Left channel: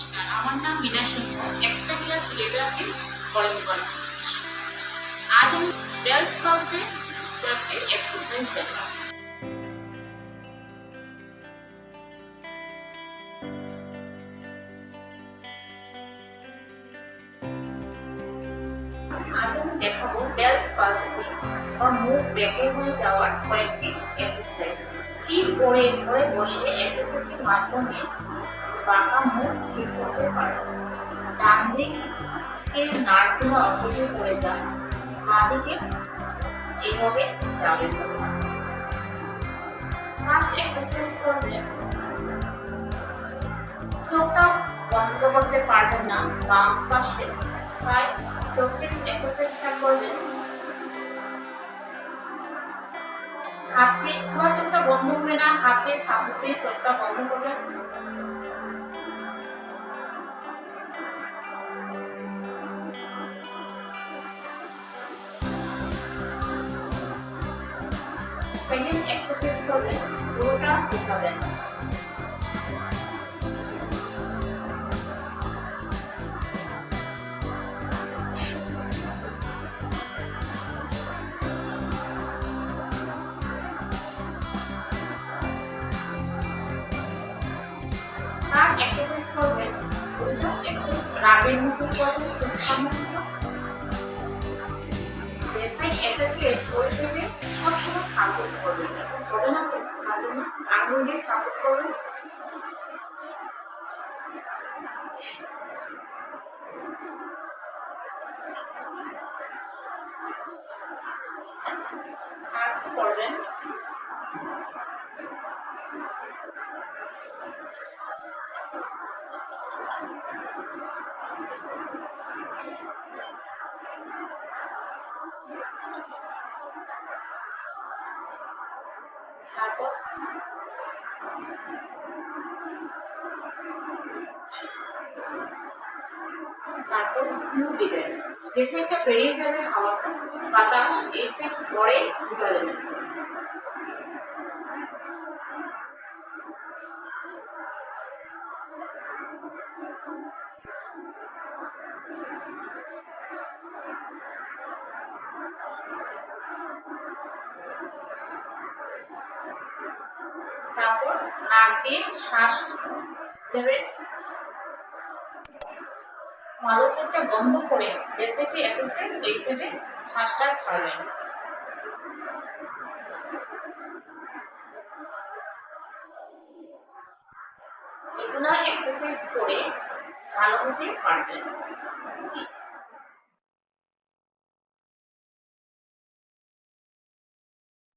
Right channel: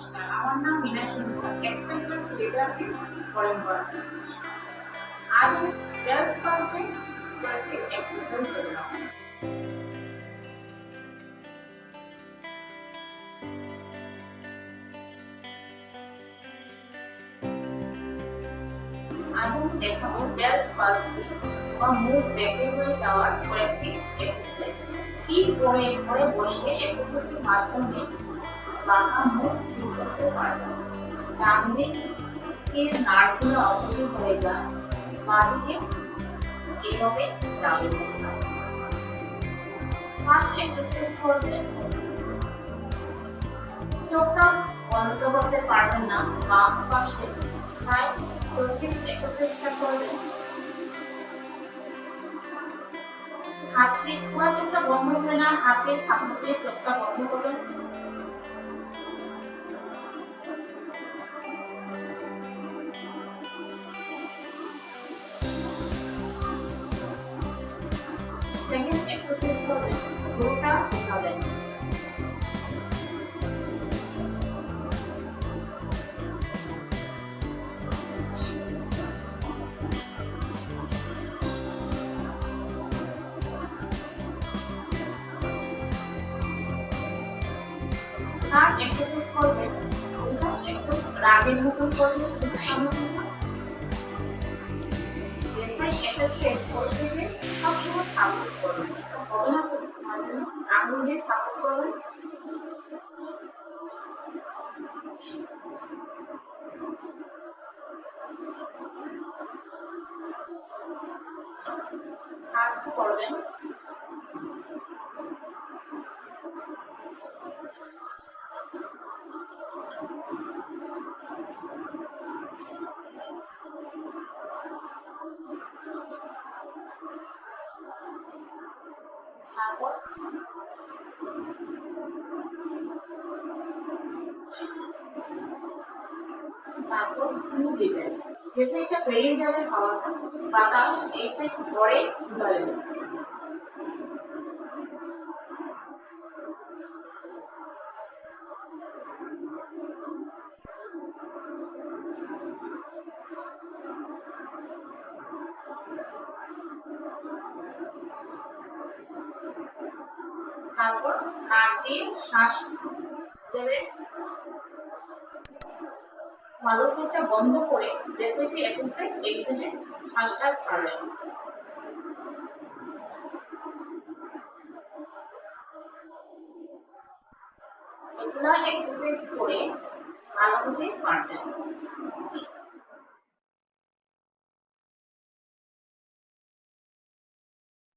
নমস্কার, আমার নাম মীনা সিংহ, এক্সট্রাকুলার ফিজিওথেরাপি ফরেন কলেজ। আজ আমি বেলস পালসে কয়েকটি এক্সারসাইজ দেখাবো। আজ আমি দেখাবো বেলস পালসে বা মুখ বেঁকে হয়ে যাওয়ার কয়েকটি এক্সারসাইজ। ঠিক করে ঘরে বসে এক্সারসাইজের মাধ্যমে বাঁকা মুখ ঠিক করতে পারো। ডান দিকের নার্ভগুলো অপোজিট হয়ে যায়, বাঁ দিকে এইভাবে যাবে। ফার্স্ট এক্সারসাইজ করবেন, চোখটা বন্ধ করতে পারবেন না, বাম পাশে তাই চোখের এক্সারসাইজটা করবেন। হাতে পুরো চোখটা বন্ধ হবে না, হাতে সাপোর্টে চোখটা বন্ধ করবেন। সেকেন্ড এক্সারসাইজ করবেন, পুরোটা উঠাবেন। থার্ড এক্সারসাইজ করবেন, ওইটা একটু রাগের মতো করবেন, ফুসকার মতো। যে সাইড এফেক্টেড ওই সাইডে সবসময় সাপোর্ট করবেন, হবে না তো ভালো না, আঙুল দিয়ে সাপোর্ট করবেন। আর করবেন তারপর তারপর মুখ দিবেন, যে সাইডটা বেরিয়ে যাবে হাওয়াটা বাতাস এই সাইড পরে ঢুকা দেবেন। তারপর নাক দিয়ে শ্বাস দেবেন, ভালো সাইডটা বন্ধ করে যে সাইডে এফেক্টেড এই সাইডে শ্বাসটা ছাড়বেন। এগুলো এক্সারসাইজ করে ভালো হতে পারবেন।